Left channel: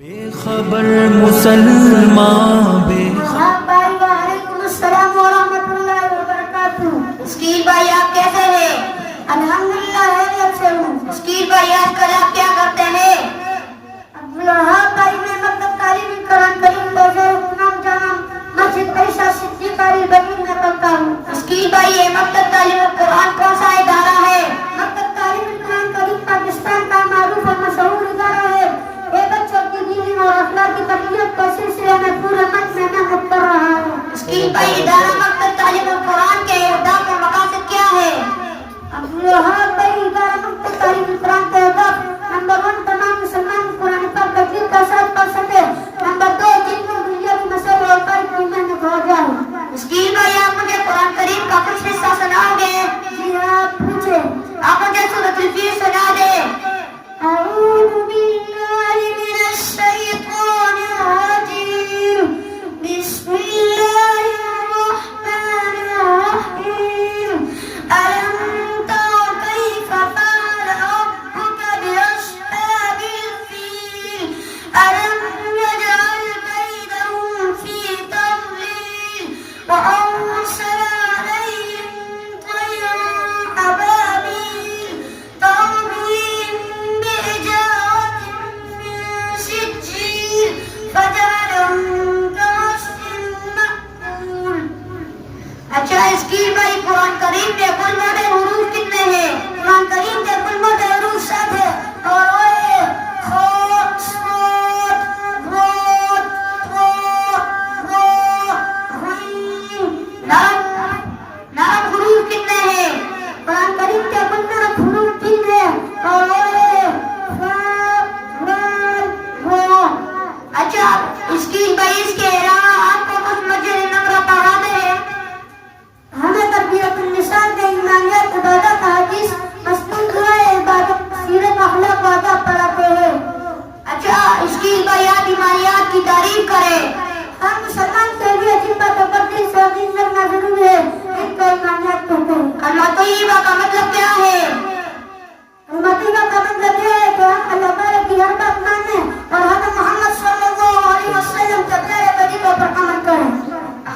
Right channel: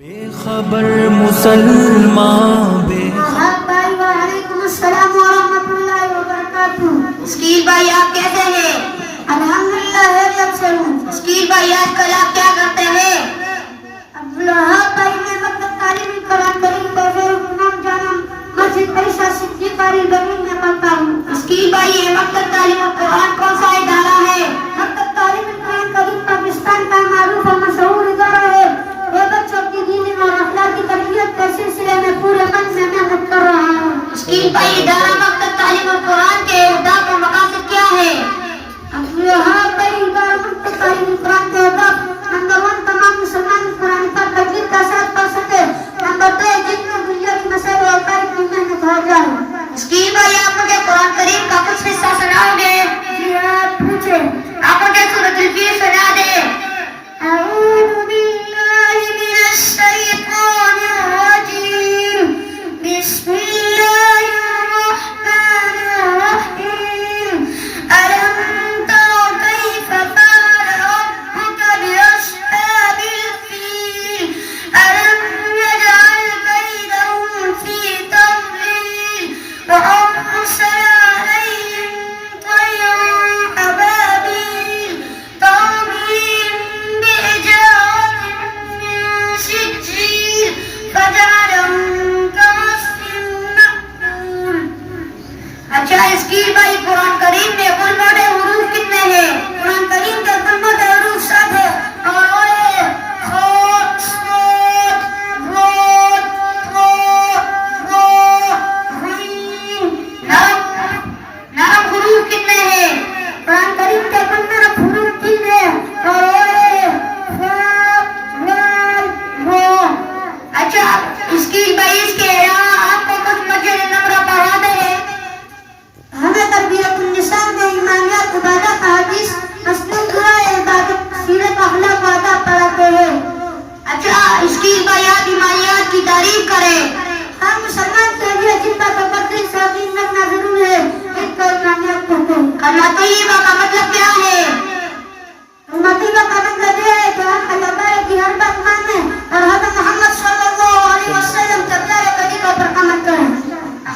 بے خبر مسلمان بے خبر. بھائی وعلیکم السلام ورحمۃ اللہ وبرکاتہ. اسکیل بھائی آپ کیسے ہیں؟ الحمدللہ خیریت سے ہوں. اسکیل بھائی آج کل آپ کیا کرتے ہیں؟ عبدالوہاب بھائی میں مکتب تعلیمی قرآن کریم امام جامع مسجد عائشہ صدیقہ بنی میں پڑھتا ہوں. اسکیل بھائی یہ مکتب تعلیم قرآن کون سا ادارہ ہے؟ مکتب تعلیمی قرآن کریم پاکستان کا معروف اور مشہور ادارہ ہے. یہ بچوں کی دینی اور اخلاقی تربیت کے سلسلے میں پورے من میں محنت کر رہا ہے. اسکیل بھائی ادارہ مکتب تعلیم قرآن کے اہداف اور مقاصد کیا ہے؟ عبدالوہاب بھائی ادارہ مکتب تعلیمی قرآن کے اہداف: نمبر 1 تمام مسلمان قرآن پاک تجوید کا ساتھ پڑھ سکے. نمبر 2 دین و دنیا کی مسائل اور حقائق کی محنت ہو جائے. اسکیل بھائی آپ مجھے قرآن کریم کا کچھ حصہ سناؤ گے؟ جی آپ پوچھیں. آپ مجھے سورۃ الفیل سنا دیں. اعوذ باللہ من الشیطان الرجیم. بسم اللہ الرحمن الرحیم. ألم تر كيف فعل ربك بأصحاب الفيل ألم يجعل كيدهم في تضليل وأرسل عليهم طيرا أبابيل ترميهم بحجارة من سجيل فجعلهم كعصف مأكول. اچھا اسکیل بھائی قرآن کریم میں کل موٹے حروف کتنے ہیں؟ قرآن کریم کے کل موٹے حروف 7 ہیں اور وہ ہے خ، صاد، ضاد، طاء، راء، غین. نرم حروف کتنے ہیں؟ قرآن کریم کے کل نرم حروف 3 ہیں اور وہ ہے فاء، لام، را. اچھا اسکیل بھائی اس کے علاوہ آپ کو کچھ مسجد نمرہ پڑھا دیں. ہمیں تربیت النساء کے ایمانیات، عبادت، حدیث، مسنون دعائیں، عبادت، سیرت، اخلاق و آداب پڑھاتے ہیں. اچھا اسکیل بھائی آپ ایمانیات کی تعریف کریں. ہر مسلمان کے لیے جن کا تقدیر سے یقین رکھنا ضروری ہے. ان کو ایمانیات کہتے ہیں. کلمہ طیبہ کا مطلب کیا ہے؟ طیبہ کا مطلب یہ ہے کہ ہم اللہ تعالیٰ کی ہر بات مانیں اور حضرت محمد صلی اللہ علیہ وسلم کے پیارے طریقوں پر عمل کریں.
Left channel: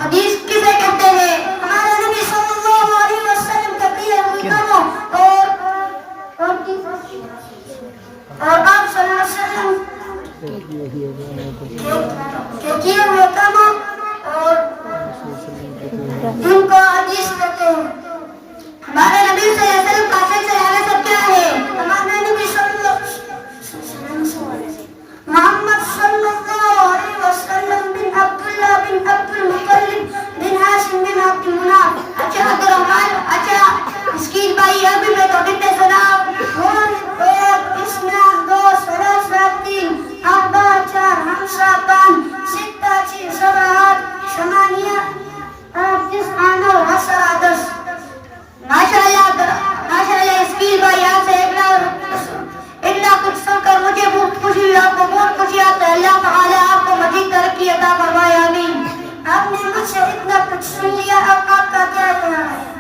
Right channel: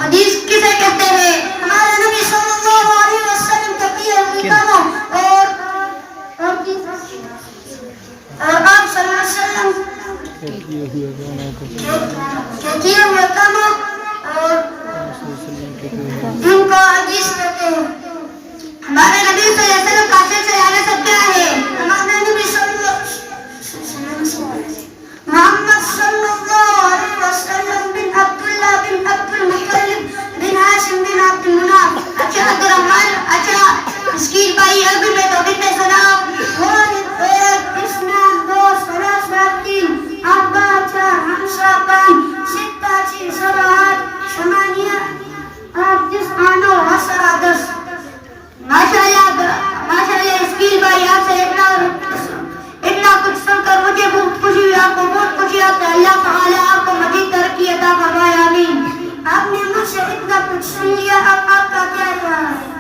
حدیث کسے کہتے ہیں؟ ہمارے نبی صلی اللہ علیہ وسلم کے کیے ہوئے کاموں اور آپ صلی اللہ علیہ وسلم کے کیے ہوئے کاموں اور جن کو حدیث کہتے ہیں. ہمارے نبی صلی اللہ علیہ وسلم کا سلسلہ نسب کیا ہے؟ ہمارے نبی صلی اللہ علیہ وسلم محمد صلی اللہ علیہ وسلم بن عبداللہ بن عبد المطلب بن ہاشم بن عبد مناف. اچھا عبد الرحمن. اچھا اسکیل بھائی ابھی میں تو کتنے سناؤ. واحد، ایک، اثنان، دو، ثلاثہ، تین، اربعہ، 4، خمسہ، 5، ستہ، 6، 7، 8، 8، 9، 10، 10. ماشاءاللہ اسکیل بھائی آپ سے اتنا کچھ سن کر مجھے بہت خوشی ہوئی. آپ کو بہت خوشی آتا ہے. اللہ تعالی آپ کو مزید ترقی عطا فرمائے. آمین. آپ نے مجھ سے اتنا کچھ سن لیا، اب آپ کا کیا کہنا ہے؟